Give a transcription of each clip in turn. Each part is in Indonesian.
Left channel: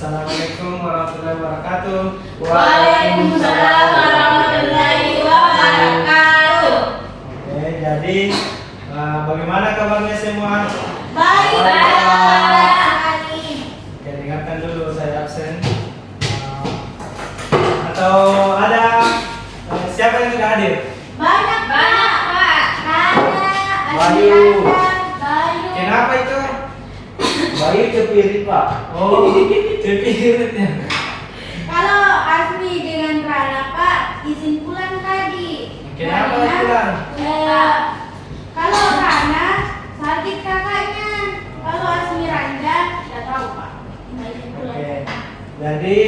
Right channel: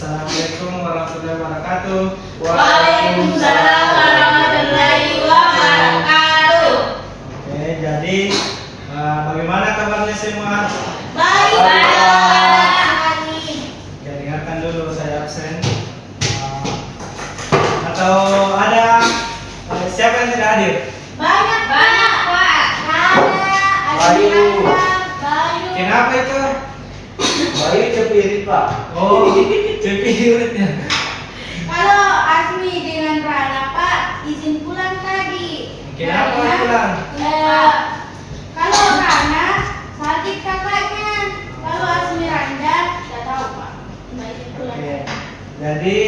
Assalamualaikum warahmatullahi wabarakatuh. Waalaikumsalam warahmatullahi wabarakatuh. Oke, jadi bagaimana kabarnya semua? Baik. Oke, dengarkan dulu saya absen. Atau ada siapa yang tidak hadir? Banyak Pak. Bayu. Kenapa itu? Bayu cepirit Pak. Oh, cepiritnya. Kalau Asmi dengan Rana Pak izin pulang tadi. Kenapa Karena, pulang? kalau Rana sakit kakaknya. Kalau Asmi Randan tidak tahu Pak. Nggak izin pulang. Oke, jadi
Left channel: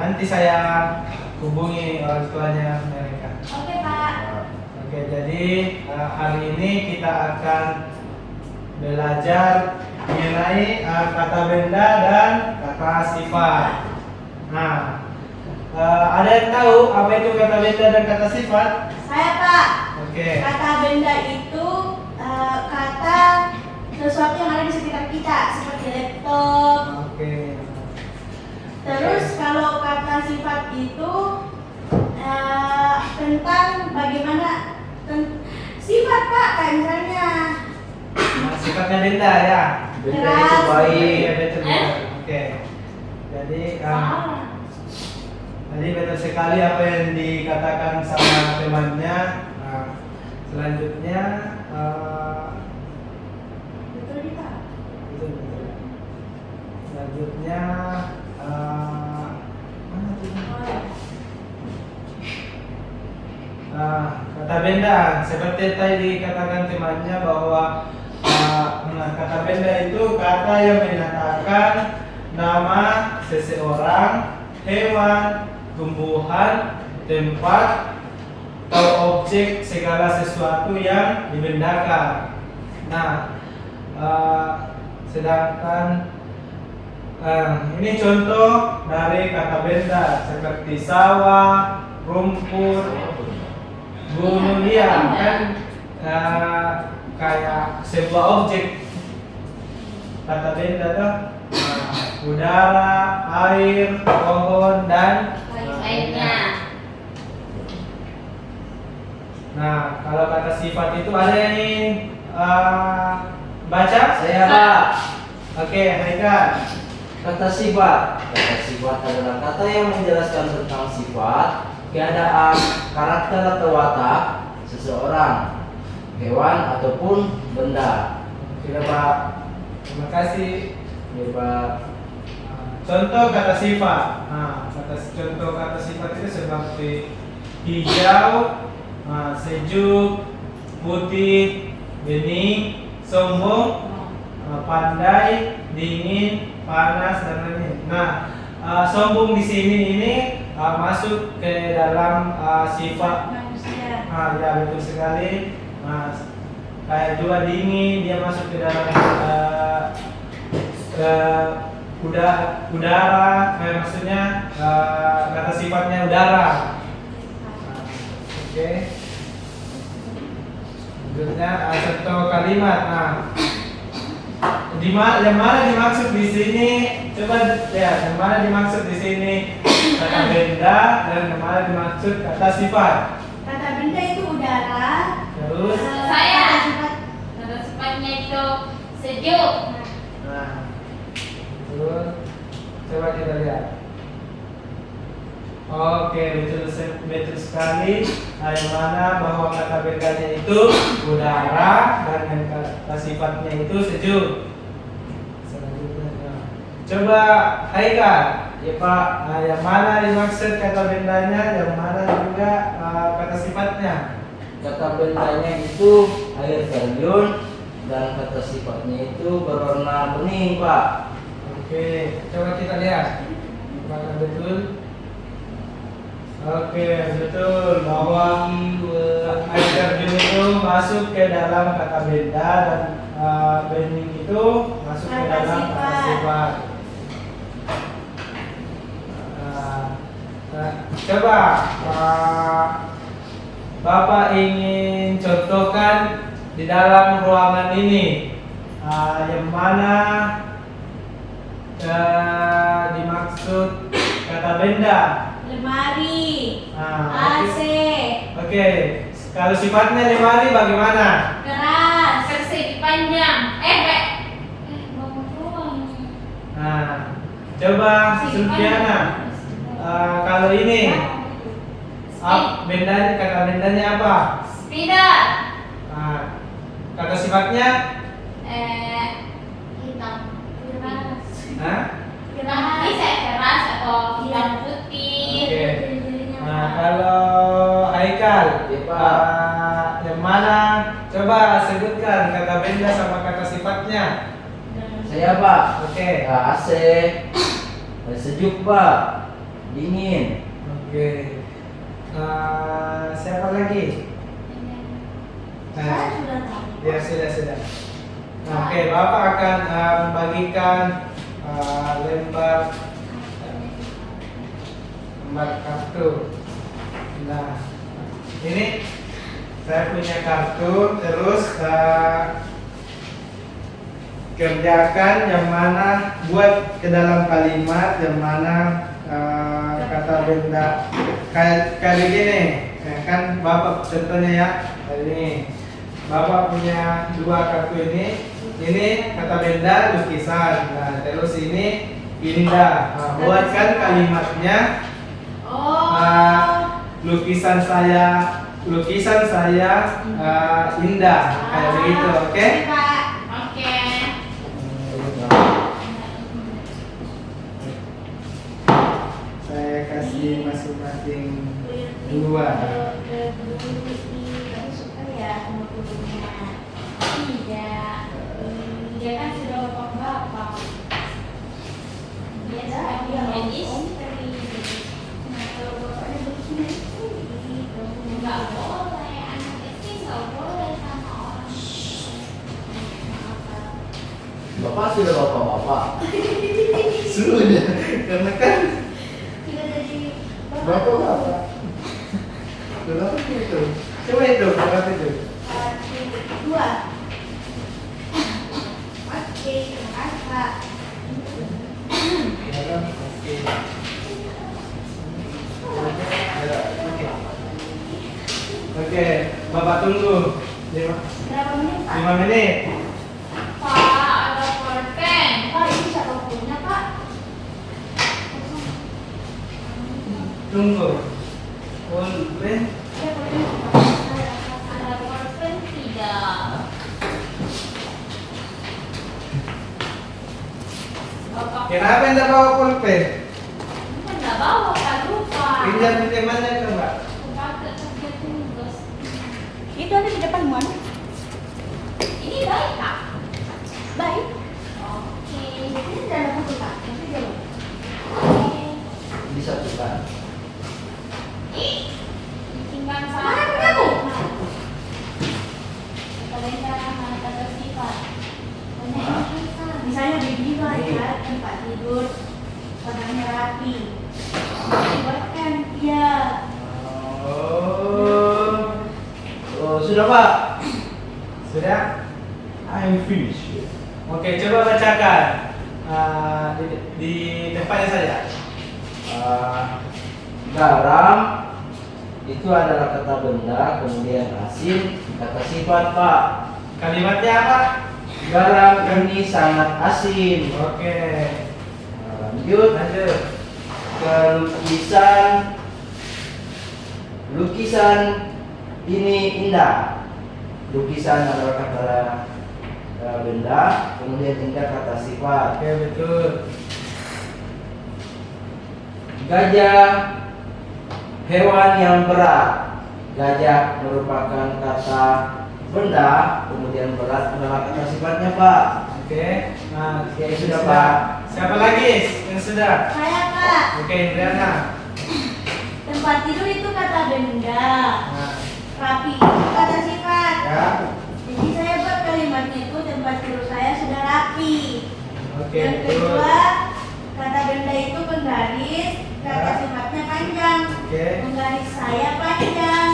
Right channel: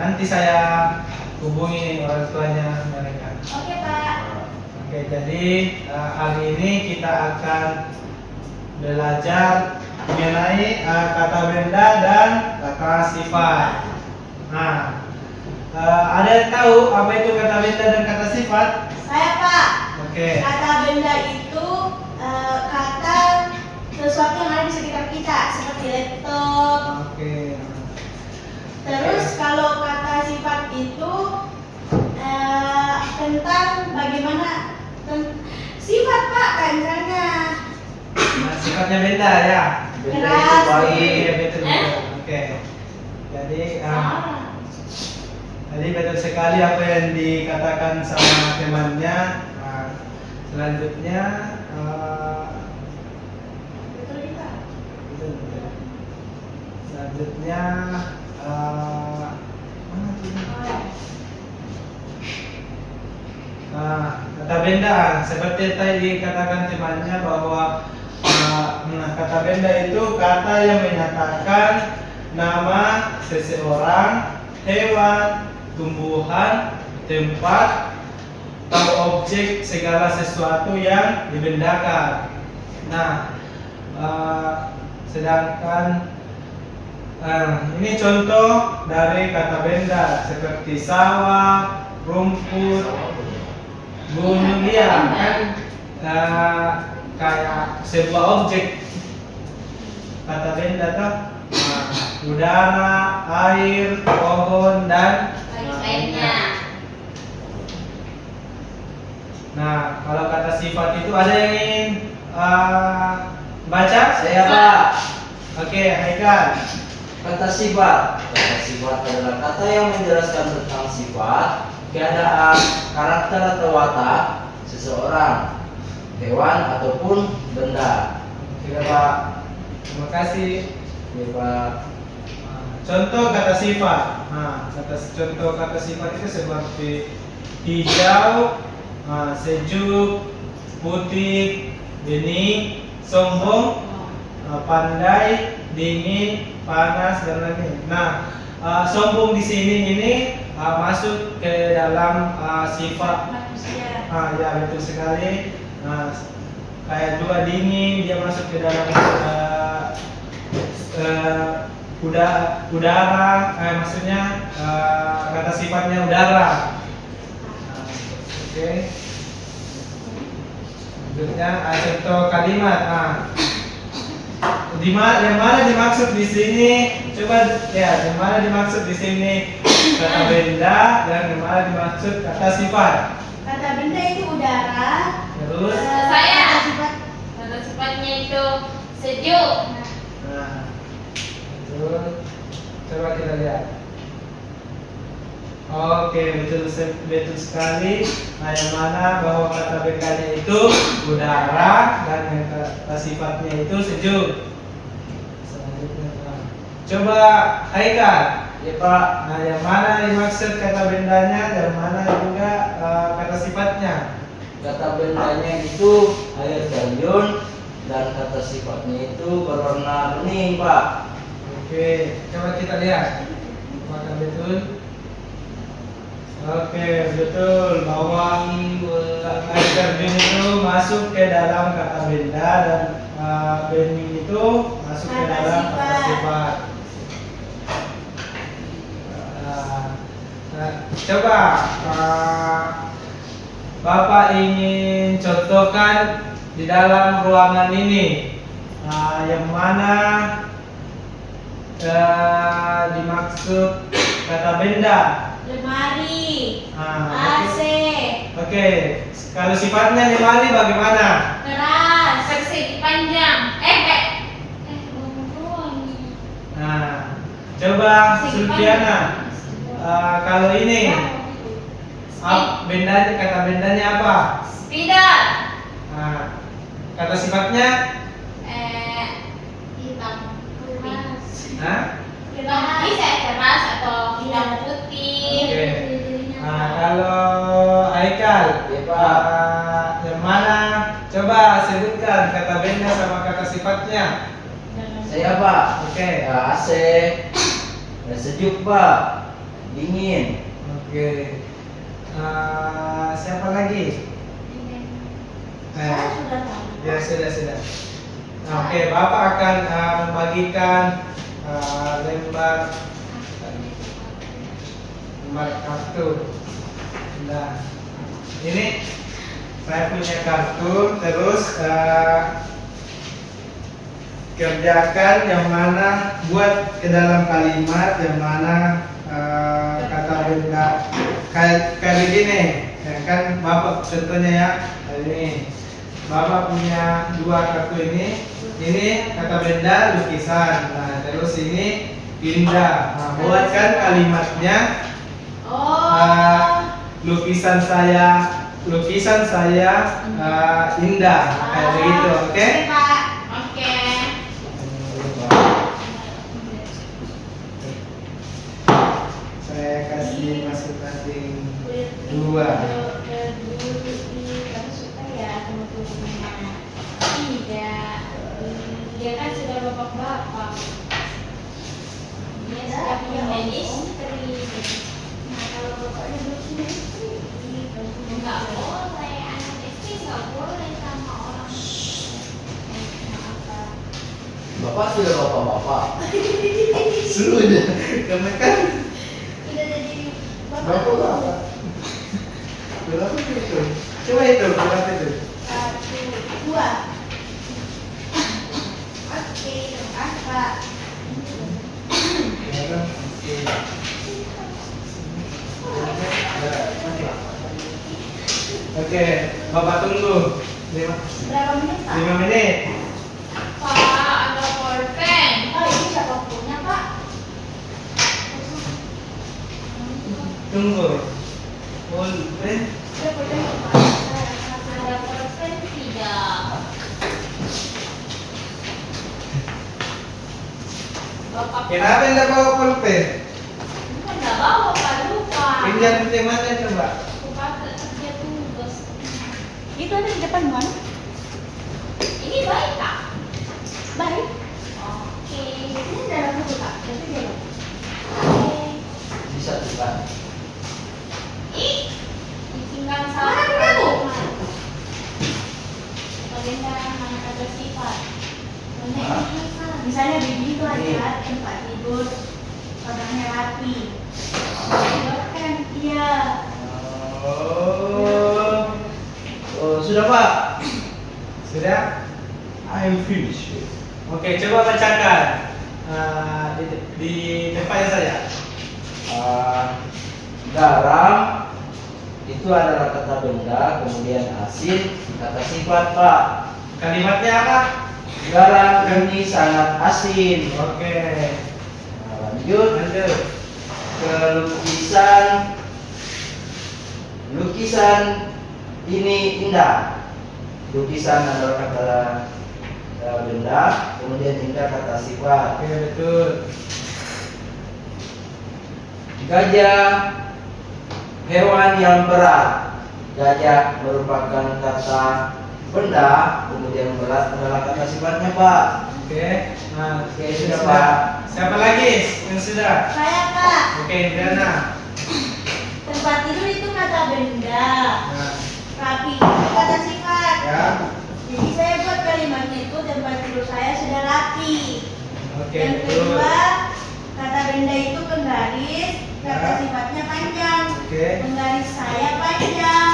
nanti saya hubungi orang tuanya mereka. Oke Pak. Oke, jadi hari ini kita akan belajar mengenai kata benda dan kata sifat. Nah, ada yang tahu apa itu kata benda dan kata sifat? Saya Pak. Oke. Kata benda itu kata sesuatu yang ada di sekitar kita seperti laptop. Oke. Terus kalau kata sifat itu tentang bagaimana sifat Pak, kayak misalnya Nah, sifatnya benda ya. Benda itu Keras. baik. Iya, betul. Oke. Jadi Tadi betul sekali apa yang dikatakan sama temannya. Selanjutnya betul nih Pak. betul. Selanjutnya mana tuh? Kata benda seperti tadi dikatakan temannya bahwa kata benda itu kata yang menyatakan nama seseorang, hewan, tumbuhan, tempat, atau objek segala sesuatu yang dibendakan. Nah, sedangkan ini contoh dari kata benda seperti sawah, rumput, gunung, iya kan, kayak sebuah objek kata benda tuh, udara, air, pohon dan Lainnya. Nah, kalau kata sifat itu ada yang ingin baca? Saya Pak. Oke, Haikal. Kata sifat. Kata sifat adalah kata yang menjelaskan tentang sifat, keadaan, karakter atau watak seseorang, hewan ataupun benda. Oke, Pak. Terima kasih. Ya Pak. Contoh kata sifat. Contoh kata sifat itu seperti hijau, sejuk, putih, bening, sombong, pandai, dingin, panas dan lainnya. Nah, sombong di sini ini masuk ke dalam sifat. Manusia. Ya betul sekali. Kayak juga dingin dia masuk ke dalam udara, maksudnya kata sifatnya udara. Oke. Selanjutnya contoh kalimat. Yang mana dimaksud di sini? Coba ya, yang mana dimaksud di sini kata benda dan yang mana dimaksud kata sifat? Kata benda itu udara. Terus Kata sifat Kata sifatnya itu sejuk. Nah, itu coba kita lihat. Oke, betul sekali. Yang mana bahwa kata bendanya itu udara dan yang kata sifatnya itu sejuk. Selanjutnya, coba Haikal. Ya Pak. Yang mana dimaksud kata bendanya, yang mana juga kata sifatnya? Kata bendanya itu air terjun dan kata sifatnya itu berwarna bening Pak. Oke, coba kita lihat. Apakah betul? Oke, betul bahwa air terjun itu masuk ke dalam kata benda dan bening itu masuk ke Kata dalam kata sifat. sifat. Coba Bapak ingin contohkan di dalam ruangan ini yang mana dimaksud kata benda? Lemari, Ah, AC, Oke. Kalau sifatnya lemari bagaimana? keras, Persegi panjang. Bangun doang. Nah, coba Sulfiana. Kalau ini bendanya, kata bendanya apa? Sepeda. Nah, kata sifatnya? Hitam. keras, Hah? Hitam bisa keras atau hitam putih. Oke. Nah, kalau Aikal, Ya, Pak. yang mana? Coba sebutkan kata benda sama kata sifatnya. Saya Pak. Oke. AC. Sejuk Pak. Dingin. Oke. Siapa lagi? saya sudah tahu. Ya sudah. Oke, Bapak akan membagikan lembar kartu. Nah, ini saya punya kartu. Terus kerjakan yang mana, buat ke dalam kalimat yang mana kata benda kayak begini. Ya, kan Bapak contohnya ya, ini Bapak punya dua kartu ini. Ini kata benda lukisan. Nah, terus ini indah. Nah, buatkan kalimatnya. Lukisan saya indah, kayak begitu, oke? Pak. Oke. Saya kasih masing-masing dua. Kamu suka ya sama gurunya? Tidak. Dia kan sudah bapak-bapak. Dia sudah punya istri. Nah, kalau bapaknya berpunya istri, Enggak boleh, anak istri enggak boleh sama orang. Bapak sudah bapak-bapak. Sudah, karena kan tidak jadi bapak. Berapa itu? Coba itu, berapa itu? 1, 2. Oke, terima kasih Pak. Oke, Bapak tunggu 5 Berapa menit Pak? menit. Pak, ada pulpen. Pak, ini siapa punya Pak? Tunggu. Pulpen. Saya punya Pak. Ada pulpen tidak? Bapak. Kenapa tidak bawa pulpen? Kan enggak bawa, Pak, lupa. Pinjam mana coba? Bapak kerja tugas. Itu ada di depan Mon. Ini baik, Kak. Baik. Oke. Ini tidak ada buku Pak. Tapi dia. Oke. Bisa Pak. Ih, ditinggal Mana sama. kamu? Bagaimana mana kata sifat? Hah? Misalnya baby itu adalah tempat tidur, padangnya rapi. Buatkan iya. Oh, sudah Pak. Sudah? I'm finished. Oke, coba bacakan di tempatnya saya. Garam itu adalah kata benda, kemudian asin kata sifat Pak. Kalimatnya apa? Garam ini sangat asin. Oke. Nah, lanjut ke lukisan ini indah. Lukisan adalah kata benda, kemudian indah kata sifat. Oke, betul. Gajah hewan yang berat. Gajah merupakan kata benda, kemudian berat adalah kata sifatnya Pak. Oke. Nah, Oke, sudah, Pak. Siapa lagi yang sudah? Saya Pak. Oke, Indriana. Tempat tidur itu kata benda. Nah, Rapi itu kata sifat. ya. Jadi saya buat kalimatnya itu tempat tidur saya sudah rapi. Oke, Yang betul. kedua, kata benda itu penggaris, kata Ya. sifatnya panjang. Oke. Penggaris saya panjang.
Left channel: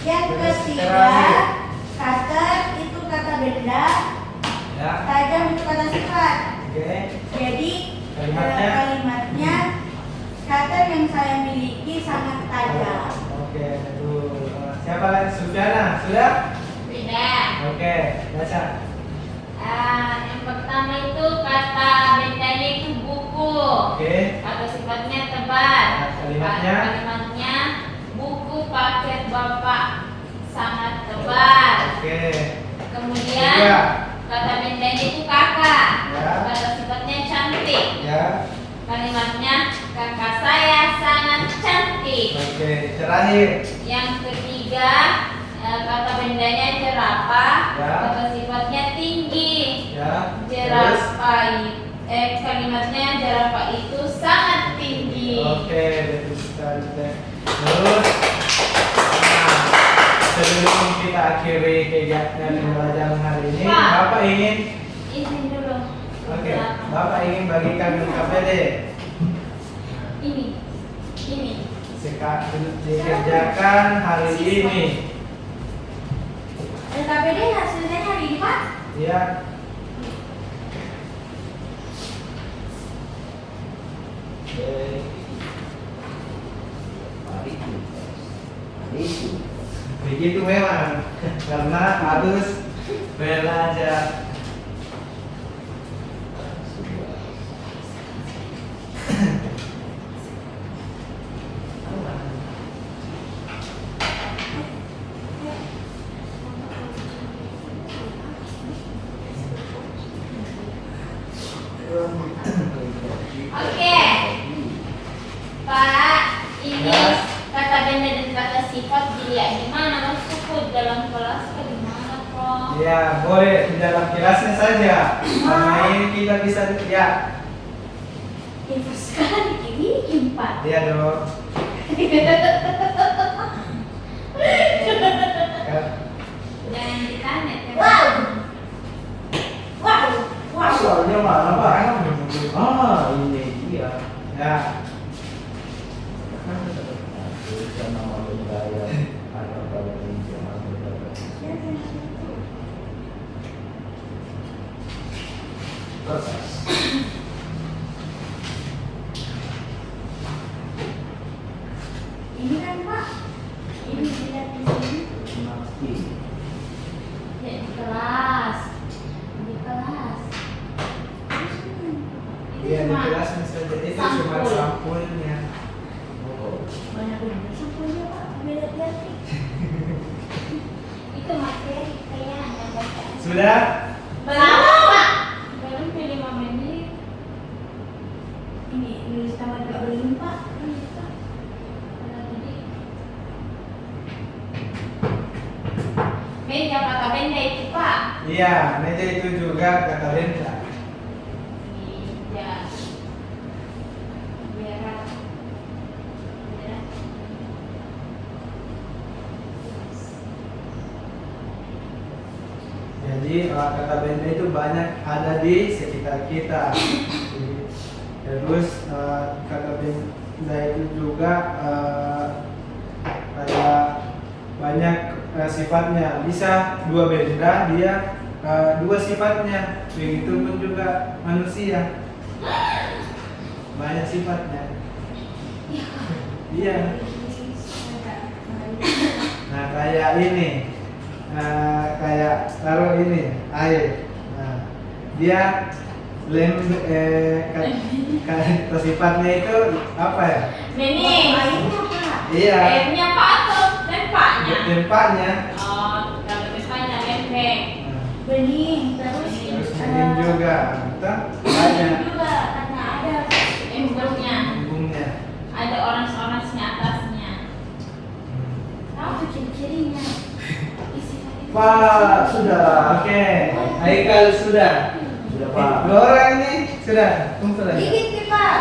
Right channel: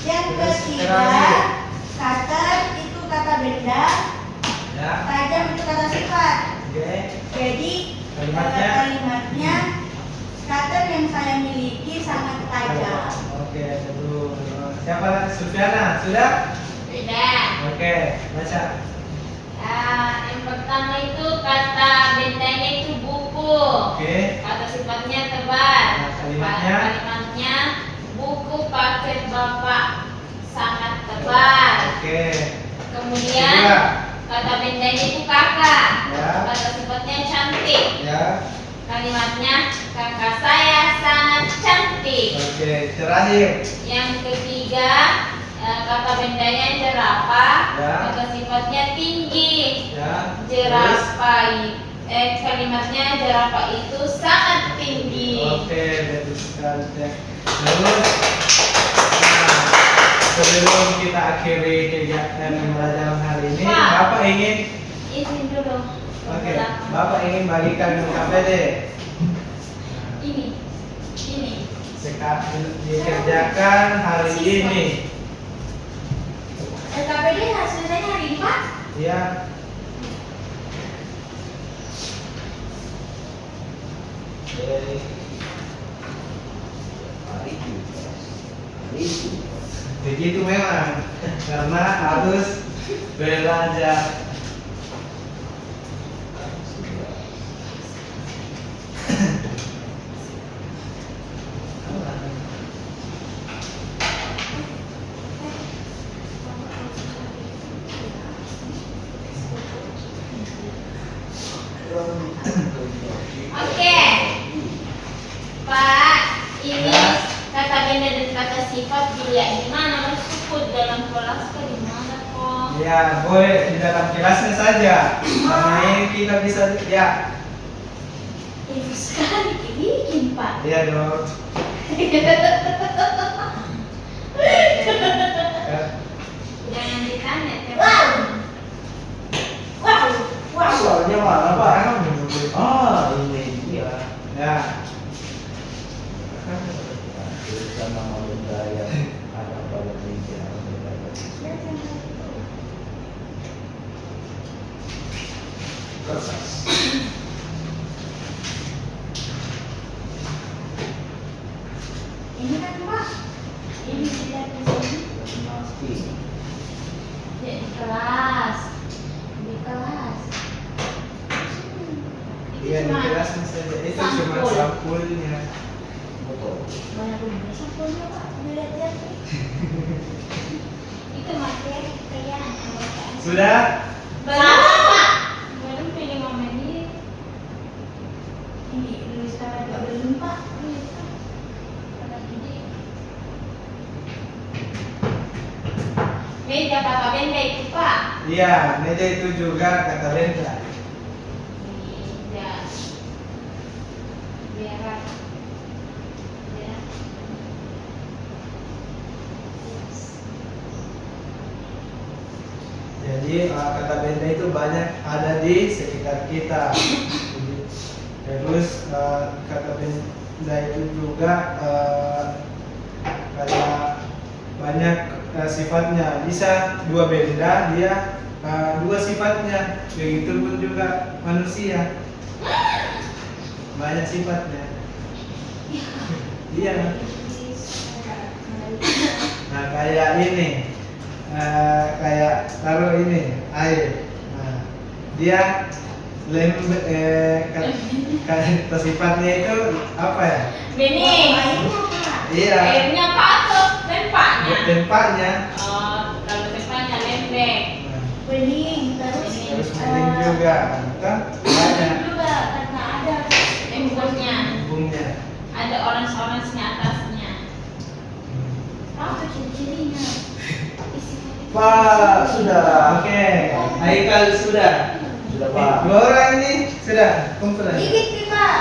Yang Terus ketiga, terakhir. cutter itu kata benda, Ya. tajam itu kata sifat. Oke. Jadi Kalimatnya, kata yang saya miliki sangat tajam. Oke, betul. Siapa lagi? Sudana, sudah? Beda. Oke, baca. Yang pertama itu kata bendanya itu buku. Oke. Kata sifatnya tebal. Nah, kalimatnya? Kalimatnya buku paket bapak sangat tebal. Oke. Kemudian Tiga. kata bendanya itu kakak. Ya. Kata sifatnya cantik. Ya. Kalimatnya kakak saya sangat cantik. Oke, terakhir. Yang ketiga kata bendanya jerapah. Ya. Kata sifatnya tinggi. Ya. Terus? Jerapah kalimatnya jerapah itu sangat tinggi. Oke, betul sekali. Teh. Terus, nah, sebelum kita akhiri kegiatan pembelajaran hari ini, Pak. Bapak ingin, Izin dulu. oke, Bapak ingin bagikan KPD. Ini. Dikerjakan hari ini. LKPD hasilnya hari ini, Pak. Ya. Hari itu. Begitu memang karena harus belajar. Oke. Pak, ini Ya. kata benda dan kata sifat dilihat di mana? Maksudku dalam kelas ke di mana kok? Ya, boleh di dalam kelasnya saja. Karena ini kita bisa lihat. Info sekali ini 4. Iya dong. Jangan ditanya. Wow. Wow. Wow. Soalnya mana Pak? Ah, Ini dia. ya. Tulisan nama benda yang ada pada meja. Proses. Ini kan, Pak. Ini tidak di sini. Meski. Ya, di kelas. Di kelas. Iya, di kelasnya saja. Itu cuma sampul. sampulnya. Banyak bener sampulnya, Pak. Ambil lihat nih. Itu materi kayak yang baca. Sudah? Belum, Pak. Belum pilih 5 menit. Ini nulis kamar Pak belum, Pak. Lagi di meja kata benda itu, Pak. Iya, meja itu juga kata benda. Meja. Biar. Jadi kata benda itu banyak ada di sekitar kita. Terus kata benda itu juga kayak banyak sifatnya. Bisa dua benda dia dua sifatnya. Begitupun juga manusia. Banyak sifatnya. Iya. Nah kayak ini. Kayak taruh ini air. Nah, dia kata sifatnya itu apa ya? Bening. Airnya, Pak. Iya. Airnya Pak atau lempaknya? Tempatnya. Oh, kalau lempaknya lembek. Nah, Bening, terus terus bening juga. Kita bening banyak juga karena ada Embungnya. embungnya. Ada orange-orange-nya atasnya. apa ciri-cirinya. Pak, sudah. Oke, Haikal sudah. Sudah Pak. Dua orang ini sudah kumpul aja. Dikit nih, Pak.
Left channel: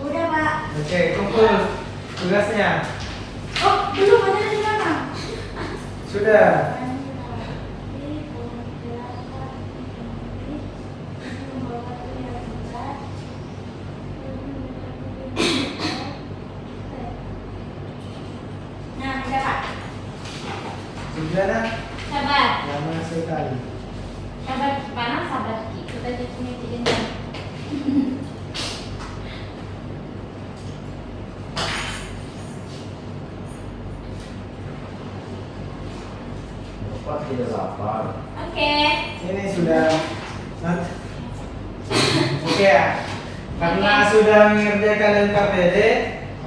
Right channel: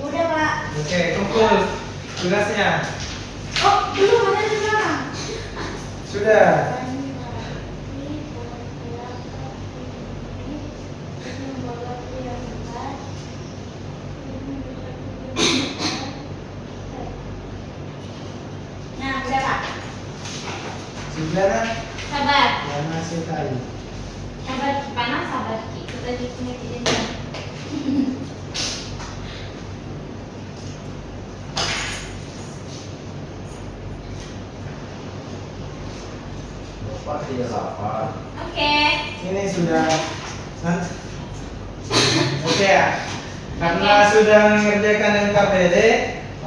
Udah, Pak. Oke, kumpul tugasnya. Oh, belum ada di mana? Sudah. sekali. Sahabat panas, sahabat kita di sini ini. Bapak tidak lapar. Oke. Ini sudah. Oke ya. Karena sudah mengerjakan NKPD,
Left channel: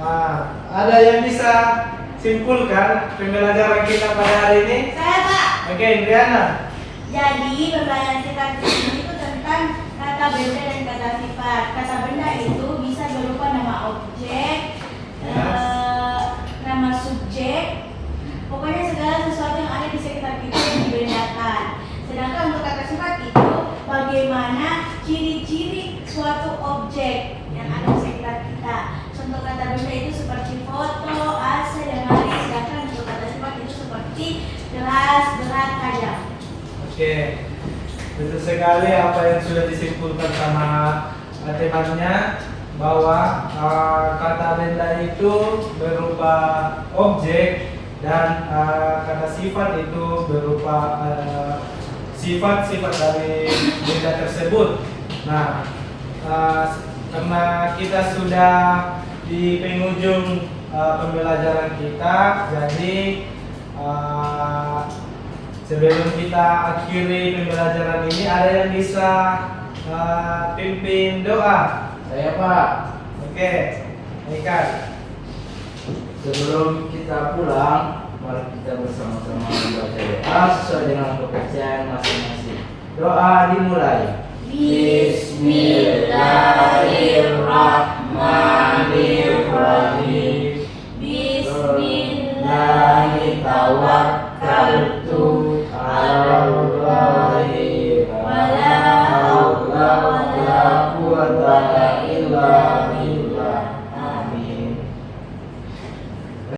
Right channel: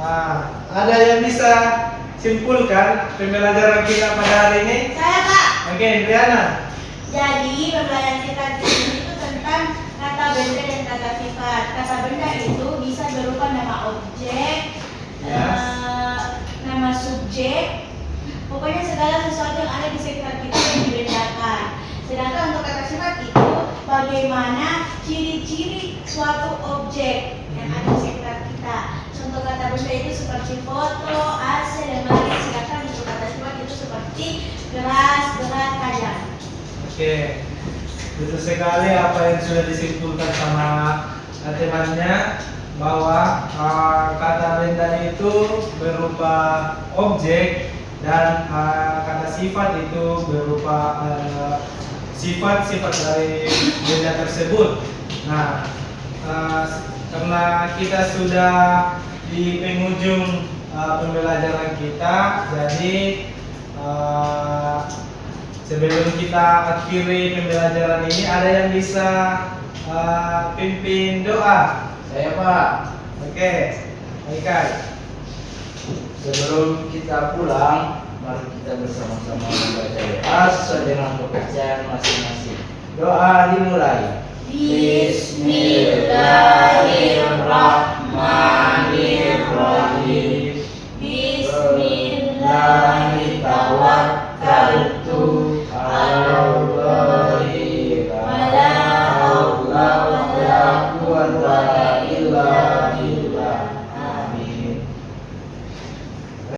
nah, ada yang bisa simpulkan pembelajaran kita pada hari ini? Saya Pak. Oke, Briana. Jadi pembelajaran kita di sini itu tentang kata benda dan kata sifat. Kata benda itu bisa berupa nama objek, Yes. nama subjek, pokoknya segala sesuatu yang ada di sekitar kita yang dibendakan. Sedangkan untuk kata sifat itu bagaimana ciri-ciri suatu objek yang ada di sekitar kita. Contoh kata benda itu seperti foto, AC, dan lain. Sedangkan untuk kata sifat itu seperti gelas, berat, tajam. Oke, betul sekali apa yang sudah disimpulkan sama temannya, bahwa kata benda itu berupa objek dan kata sifat itu berupa sifat-sifat dari benda tersebut. Nah, karena kita sudah di penghujung pembelajaran kita, jadi sebelum kita akhiri pembelajaran ini, ada yang bisa pimpin doa? Saya Pak. Oke, Aikai. Sebelum kita pulang, mari kita bersama-sama membaca doa sesuai dengan kepercayaan masing-masing. Doa dimulai. Bismillahirrahmanirrahim. Bismillahirrahmanirrahim. Tawakkaltu 'alallah